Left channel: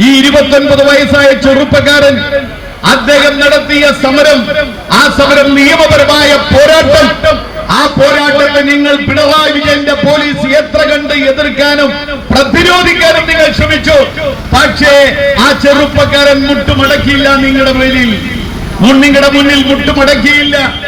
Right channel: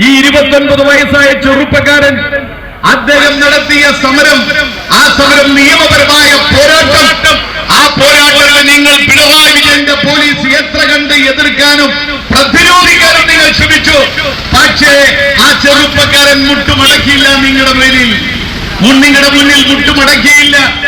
ഈ ഇരുപത്തൊൻപത് വയസ്സായ ചെറുപ്പക്കാരൻ അദ്ദേഹം നടത്തിയ സമരം ആ സമരം നിയമപരമായ പോരാട്ടം. ആ പോരാട്ടത്തെ നിങ്ങൾ പിണറായി വിജയന്റെ പോലീസ് എത്ര കണ്ട് എതിർക്കാനും പ്രതിരോധിക്കാനും നിങ്ങൾ ശ്രമിച്ചു. പക്ഷേ ആ ചെറുപ്പക്കാരൻ മുട്ടുമടക്കിയില്ല നിങ്ങളുടെ മുൻ- നിങ്ങളുടെ മുന്നിൽ മുട്ടുമടക്കിയില്ല.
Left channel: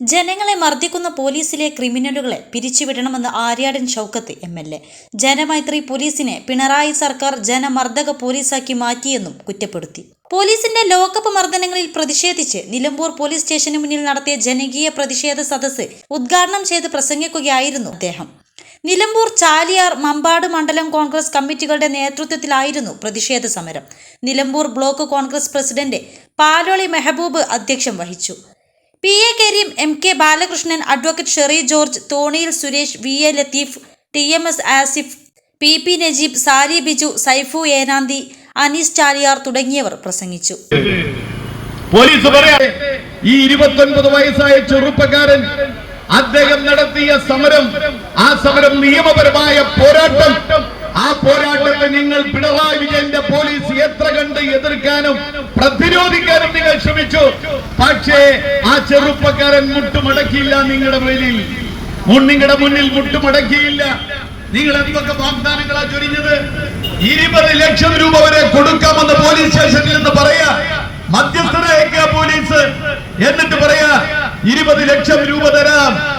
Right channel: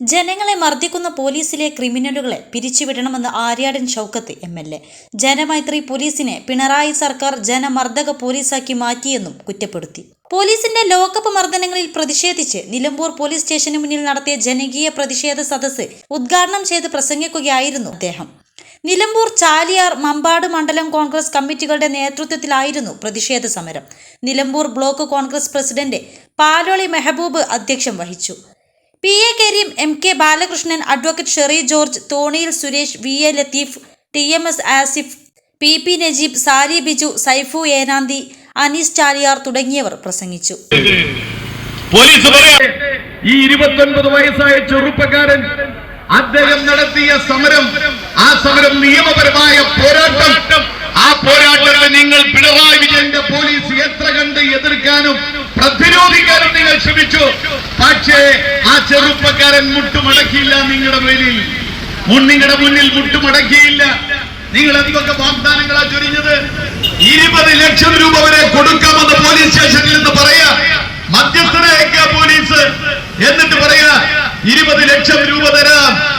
ജനങ്ങളെ മർദ്ദിക്കുന്ന പോലീസിലെ ക്രിമിനലുകളെ പിരിച്ചുവിടണമെന്ന് Aryadan Shoukath M L A. Janamaithri പോലീസിനെ പിണറായി സർക്കാർ ജനമർദ്ദക പോലീസാക്കി മാറ്റിയെന്നും കുറ്റപ്പെടുത്തി. പോലീസിന്റെ ലോക്കപ്പ് മർദ്ദനങ്ങളിൽ പ്രതിഷേധിച്ച് നിലമ്പൂർ പോലീസ് സ്റ്റേഷന് മുന്നിൽ നടത്തിയ ജനകീയ പ്രതിഷേധ സദസ്സ് ഉദ്ഘാടനം ചെയ്ത് പ്രസംഗിക്കുകയായിരുന്നു അദ്ദേഹം. നിലമ്പൂർ ചാലിയാർ മമ്പാട് മണ്ഡലം കോൺഗ്രസ് കമ്മിറ്റികളുടെ നേതൃത്വത്തിലായിരുന്നു പ്രതിഷേധ സമരം. നിലമ്പൂർ ബ്ലോക്ക് കോൺഗ്രസ് പ്രസിഡന്റ് പാലോളി മെഹബൂബ് അധ്യക്ഷം വഹിച്ചു. P A Kareem M K Balakrishnan advocate Sherry George Thoniyil Suresh V A Latheef T M S Asif P P Najeeb Sari Biju Saifu Enanthi Anees Chaliyar തുടങ്ങിയവർ പ്രസംഗിച്ചു. പോലീസ് പറയാ ഈ ഇരുപത്തൊൻപത് വയസ്സായ ചെറുപ്പക്കാരൻ അദ്ദേഹം നടത്തിയ സമരം ആ സമരം നിയമപരമായ പോരാട്ടം പോരാട്ടത്തെ നിങ്ങൾ പിണറായി വിജയന്റെ പോലീസ് എത്ര കണ്ട് എതിർക്കാനും പ്രതിരോധിക്കാനും നിങ്ങൾ ശ്രമിച്ചു. പക്ഷേ ആ ചെറുപ്പക്കാരൻ മുട്ടുമടക്കിയില്ല നിങ്ങളുടെ മേലിൽ. നിങ്ങളുടെ മുന്നിൽ മുട്ടുമടക്കിയില്ല. നിങ്ങൾ എന്തൊക്കെ വാഗ്ദാനങ്ങളാ ചൊരിഞ്ഞത്? ഇരുപത് ലക്ഷം രൂപ വരെ കൊടുക്കാമെന്ന് പോലീസ് സ്റ്റേഷനിൽ നിന്ന് പറയാ. മധ്യസ്ഥതയൊക്കെ പോലീസ്. എന്നിട്ട് പറയാ ഇരുപത് ലക്ഷം രൂപ തരാം.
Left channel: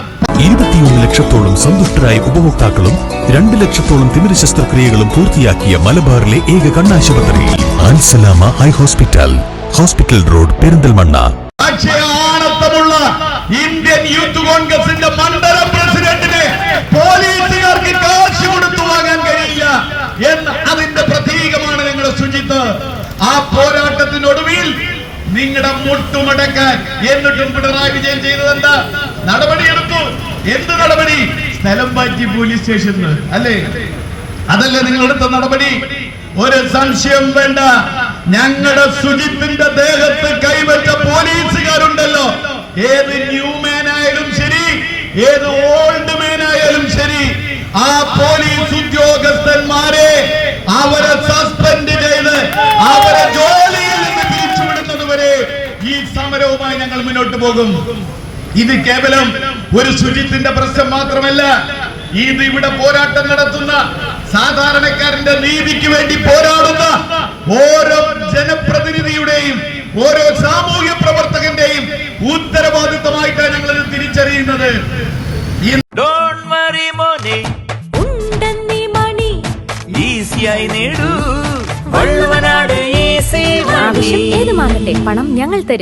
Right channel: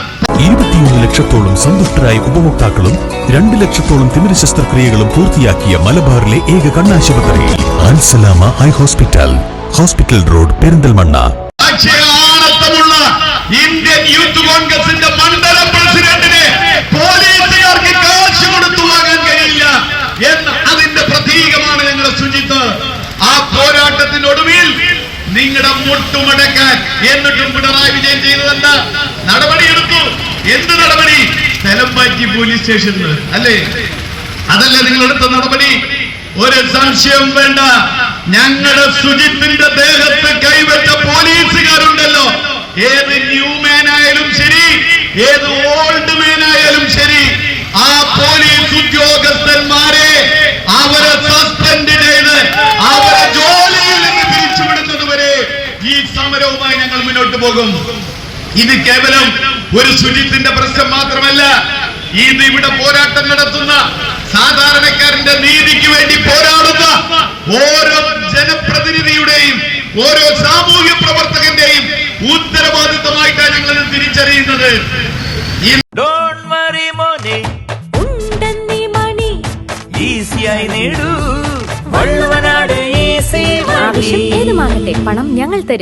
ഇരുപത്തിയൊന്ന് ലക്ഷത്തോളം സന്തുഷ്ടരായ ഉപഭോക്താക്കളും രണ്ട് ലക്ഷത്തോളം തിമിര ശസ്ത്രക്രിയകളും പൂർത്തിയാക്കിയ മലബാറിലെ ഏക കണ്ണാശുപത്രി. Ansalama high hospital. Hospital road Perinthalmanna. Indian youth കോൺഗ്രസിന്റെ അതിന്റെ ഞങ്ങളുടെ ആ നിങ്ങളുടെ മുട്ടുമടക്കാൻ എന്നിട്ടും പിണറായി വിജയൻ ചെയ്തതല്ല നടപടിയെടുത്തു. എന്ത് നടപടി? സ്ഥലം മാറ്റി പോലീസ് സ്റ്റേഷനിൽ അല്ലേ? അതല്ലേ നിങ്ങൾ എടുത്ത നടപടി? ഒരു സംശയം വേണ്ട. ഞങ്ങളുടെ സുജിത്തിന്റെ ദേഹത്ത് കൈവച്ച പോലീസുകാരുണ്ടല്ലോ. ഏത് ന്യൂ മാൻ ആയാലും ശരി ഏത് ഓൾഡ് മാൻ ആയാലും ശരി ആ പോലീസ് ഉദ്യോഗസ്ഥന്മാരെ അവരെ സസ്പെൻഡ് ചെയ്ത് അവരെ ജോലിയിൽ നിന്ന് പിരിച്ചുവിടുന്നത് വരെ ഈ സമരവുമായി ഞങ്ങൾ മുന്നോട്ട് പോകും. ഇത് കേവലം ഒരു ശുചിത്തിന്റെ പ്രശ്നം മാത്രമല്ല ഇത് ഇവിടെ പോരാട്ടം നടത്തുന്ന സാധാരണക്കാരന്റെ നീതിക്ക് വേണ്ടി പോരാടുന്ന ഓരോ ജനപ്രതിനിധിയുടെയും ഓരോ സാമൂഹ്യ പ്രവർത്തകന്റെയും ഉത്തരവാദിത്തമായിട്ടാണ് ഞങ്ങൾ തിരിച്ചറിയുന്നത്. ഏതുമാകട്ടെ പണം ഞങ്ങൾ തരും.